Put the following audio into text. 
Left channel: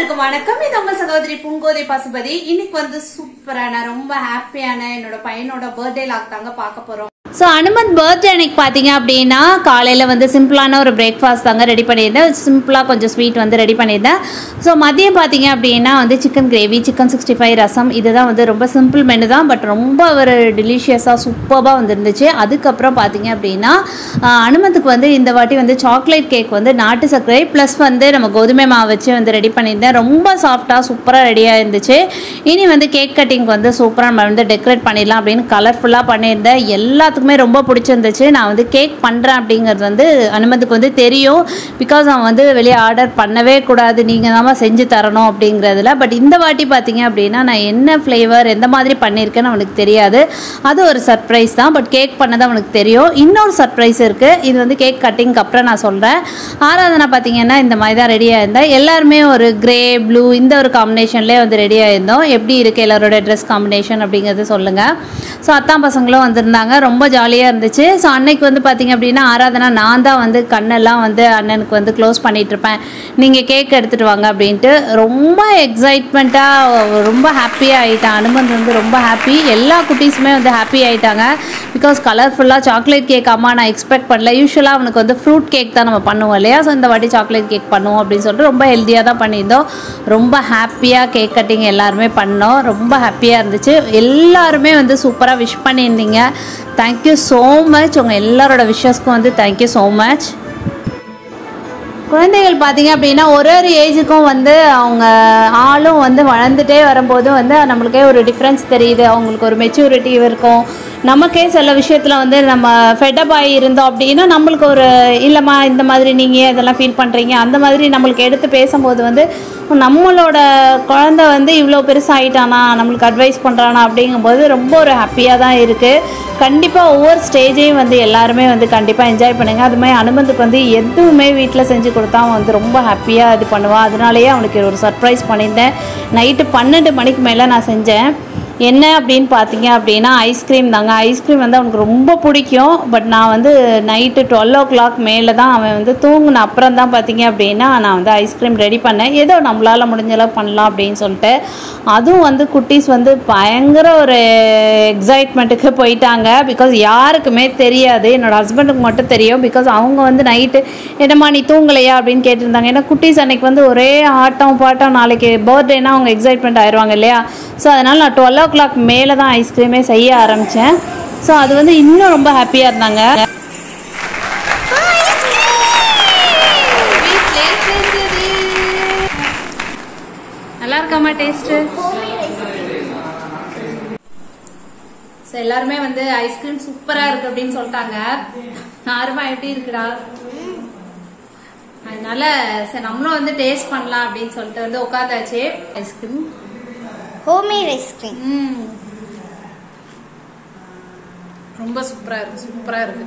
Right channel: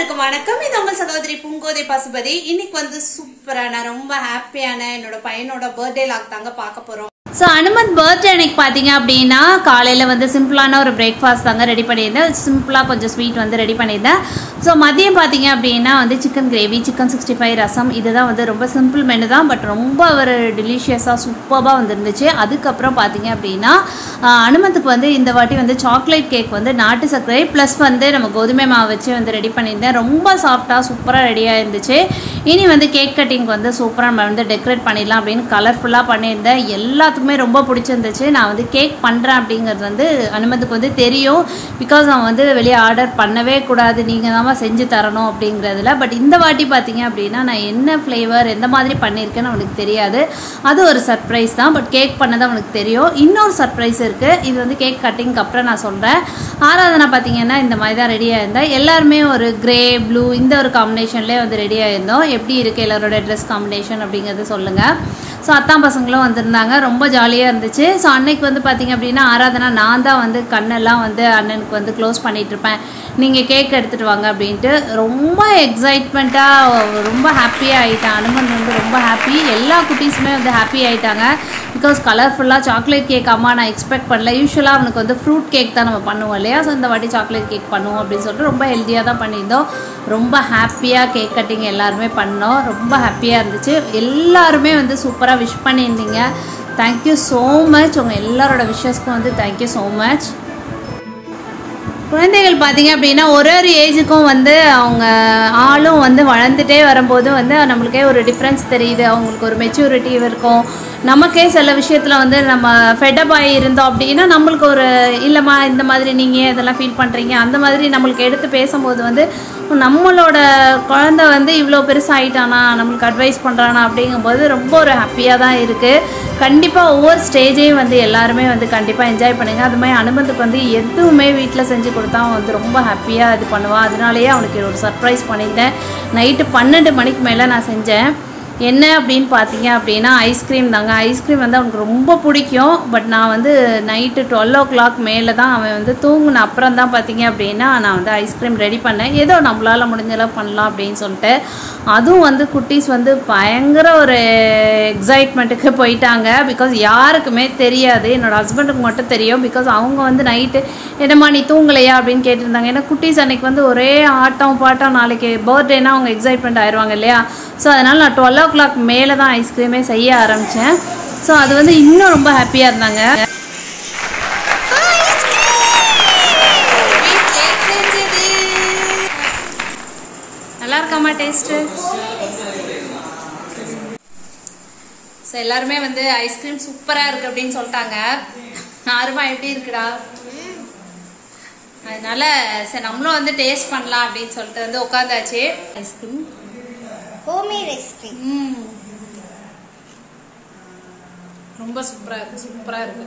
எல்லாருக்கும் வணக்கம். இது உங்க சகோதரி பூங்கோதை பசுபதி. இன்னைக்கு வந்து சூப்பரான ரொம்ப ஹாப்பியான என்னோட பையனோட பர்த்டே லாக் தாங்க பார்க்க போறோம். ஸோ அனுமந்த் பர்த்டே அன்னைக்கு பார்த்தீங்க அப்படின்னா காலையில் வந்து சிம்பிளான ஒரு பிரேக்ஃபாஸ்ட் தாங்க ரெடி பண்ணியிருந்தேன். சிம்பிளாக கொஞ்சம் ஸ்வீட் வந்து ரெடி பண்ணியிருந்தேன். ஸோ மதியம் பார்த்தீங்க அப்படின்னா வந்து சிக்கன் கிரேவி, சிக்கன் 65 ரசம், இதுதான் வந்து ரொம்ப சிம்பிள் மெனு தான். பட் ரொம்ப ஒரு டெலிஷியஸாக சூப்பராக வந்துருந்துச்சு. அதுக்கப்புறம் பார்த்தீங்க அப்படின்னா அனுமத்துக்கு வந்து இந்த வாட்டி வந்து சாக்லேட் கேக் வந்து நாட்டு சர்க்கரை ப்ளஸ் வந்து நம்ம கோதுமை மாவு வச்சு வந்து ரெடி பண்ணியிருந்தேன். ரொம்ப சாஃப்டாக சூப்பராக ரெடியாக இருந்துச்சு. இனி வந்து கேக் கட்டிங் வந்து சூப்பராக நம்ம வந்து டெக்கரேட் பண்ணிடலாம் அப்படின்னு கலர்ஃபுல்லாக பண்ணியிருந்தேன். எல்லாத்துக்குமே ரொம்ப பிடிச்சிருந்துச்சு. நான் வந்து கேக் பண்ணுறேன் அப்படிங்கிறது வந்து அனுமதிக்கு வந்து தெரியும். பிகாஸ் அவன் வந்து வெளியே ஆர்டர் பண்ணவே கூடாது, நீங்கள் தான் செஞ்சு தரணும் அப்படிங்கிறதுல. பட் இந்த வாட்டி பார்த்தீங்க அப்படின்னா நான் என்ன ஃப்ளேவர் எந்த மாதிரி பண்ணியிருக்கேன்னு அவனுக்கு தெரியாது. அது ஒரு சர்ப்ரைஸ் தான். பட் கேக் பண்ணது அவனுக்கு தெரியும். இன்னொரு சர்ப்ரைஸ் இருக்குது. இது வந்து கேக் கட்டிங்க்கு அப்புறம் நான் சொல்கிறேன். ஆராதனா பார்த்தீங்கன்னா இந்த மாதிரி தான் ரெடியாக இருந்தேன். எல்லாருமே ஒரு கிரே ப்ளூ இந்த ஒரு காம்பினேஷன்லேயே வந்து ரெடியாக இருந்தோம். எப்படி இருக்குது எல்லாரோட ட்ரெஸ் காம்பினேஷன் அப்படிங்கிறது சொல்லுங்கள். ஸோ அத்தான் பசங்களும் வந்திருந்தாங்க. ரொம்ப ஜாலியாக இருந்துச்சு. ஸோ அன்னைக்கு வந்து பார்த்திங்க அப்படின்னா ஆராதனா நான் தான் வந்து கண்ணெல்லாம் வந்து அண்ணனுக்கு வந்து க்ளோஸ் பண்ணிகிட்ருப்பேன், நீங்கள் கேக் எடுத்துகிட்டு வாங்க அப்படின்ட்டு. ரொம்ப எக்ஸைட்மெண்ட்டாக ரொம்ப ஹாப்பியாக ஆகிட்டான். அனுமன் வந்து ரொம்ப ஹாப்பி. எல்லா குட்டீஸுமே வந்து ஹாப்பி ஆகிட்டாங்க. பிகாஸ் கலர்ஃபுல்லாக சாக்லேட் கேக் அம்மா நான் எக்ஸ்பெக்ட் பண்ணல. யூஸ்வலாக அவனுக்கு வந்து ஃப்ரூட் கேக் தான் நம்ம பண்ணுவோம் இல்லையா. ஸோ இந்த வாட்டி சாக்லேட் கேக் பண்ணுவோம் அப்படின்னு சொல்லிட்டு ரொம்ப ஹெல்த்தியாக தான் பண்ணியிருந்தோம். ரொம்ப ஹாப்பியாக கேக் கட்டிங் எல்லாருமே பண்ணோம். ரொம்ப ஹாப்பியாக இருந்துச்சு. எல்லாருமே வந்து சூப்பராக விஷ் பண்ணியிருந்தீங்க. Thank you so much. உங்கள் எல்லாரோட விஷஸ்க்கும் வந்து தேங்க்யூ ஸோ மச். குழந்தைகள் பார்த்தீங்க அப்படின்னா ஒரு ஒரு ஏஜுக்கும் வந்து அவங்க ஆளும் வந்து வளர்ந்துட்டே வரும்போது வந்து நம்மளுக்கே ஒரு டிஃப்ரென்ஸ் தெரியுது. அவங்களுக்கு ஒரு மெச்சூரிட்டி இருக்கும். நமக்கே சில விஷயத்தில் வந்து நம்ம ஃபெட்டப் ஆகி இருந்தோம் அப்படின்னா நம்மளுக்கு ஒரு இல்லைம்மா இந்த மாதிரி நீங்கள் இதெல்லாம் ஃபீல் பண்ணுறீங்க அந்த மாதிரி நம்மளுக்கு எடுத்து பேசும்போது வந்து நம்மளோட குழந்தை வந்து இவ்வளோ பெருசாகிட்டானா நம்மளுக்கு அட்வைஸ் பண்ணுறானா அப்படிங்கும்போது ரொம்ப ஒரு ஹாப்பியாக தான் இருக்குது. கண்டிப்பாக ஒவ்வொரு ஸ்டேஜையும் வந்து எல்லாருமே வந்து கண்டிப்பாக என்ஜாய் பண்ணுங்கள். அது மாதிரி அனுமந்துக்கு வந்து எதுவுமே வீட்டில் செஞ்சு கொடுத்தா அவன் வந்து ரொம்ப ஹாப்பியாக இது பண்ணுவான். அதனாலேயே அவனுக்கு ஒரு சர்ப்ரைஸ் பண்ணியிருந்தேன். நைட்டு 12 மணிக்கு மேலே நான் செஞ்சேன். என்ன அப்படின்னு பார்த்தீங்க அப்படின்னா ஐஸ்கிரீம் தாங்க. ஐஸ்கிரீம் வந்து அவனுக்கு ரொம்ப பிடிக்கும். பட் நான் வந்து நைட்டு 12 o'clock மேலே தான் அவன் வந்து தூங்கின அப்புறம் தான் பார்த்தீங்க அப்படின்னா நான் வந்து ஐஸ்கிரீம் ரெடி பண்ணேன். ஏதோ நம்மளால் முடிஞ்சளவு பண்ணலாம் அப்படின்னு சொல்லிட்டு. அதுவும் வந்து குட்டீஸ் வந்து பயங்கர ஒரு எக்ஸைட்மெண்ட்டுக்கு போயிட்டாங்க. பிகாஸ் யாருக்குமே தெரியாது, என்னோடய ஹஸ்பண்டுக்கு மட்டும் தெரியும். பிகாஸ் அவங்க வந்து நைட்டு என்னம்மா நீ தூங்கலையா அப்படின்னு கேட்டிருந்தாங்க. ஏன்னா குட்டீஸ் அன்றைக்கி வந்து ஒரே ஆட்டம் பாட்டம், நாளைக்கு பர்த்டேனா அவங்க எக்ஸைட்மெண்ட் ஆயிடுவாங்க இல்லையா. ஸோ அதனால் நான் 12 o'clock மேலே தான் ஐஸ்கிரீமே செய்ய ஆரம்பித்தேன். ஸோ அது வந்து இன்னும் ரொம்ப ஹாப்பியாக இருந்தாங்க. நல்லா இருக்காமா டேஸ்ட்டு? ஸோ எல்லாருமே வந்து ஐஸ்கிரீம் சூப்பராக இருக்குது அப்படின்னு சொல்லிட்டாங்க. ஆறுமா எப்படி இருக்குடா? அதனால சரி நம்மளும் வந்து டேஸ்ட் பண்ணலாம் அப்படின்னு சொல்லிட்டு வந்து உட்காந்தாச்சு. ஐஸ்கிரீம் ஹோம்மேட் ஐஸ்கிரீம் ரொம்ப சூப்பரா இருக்கு.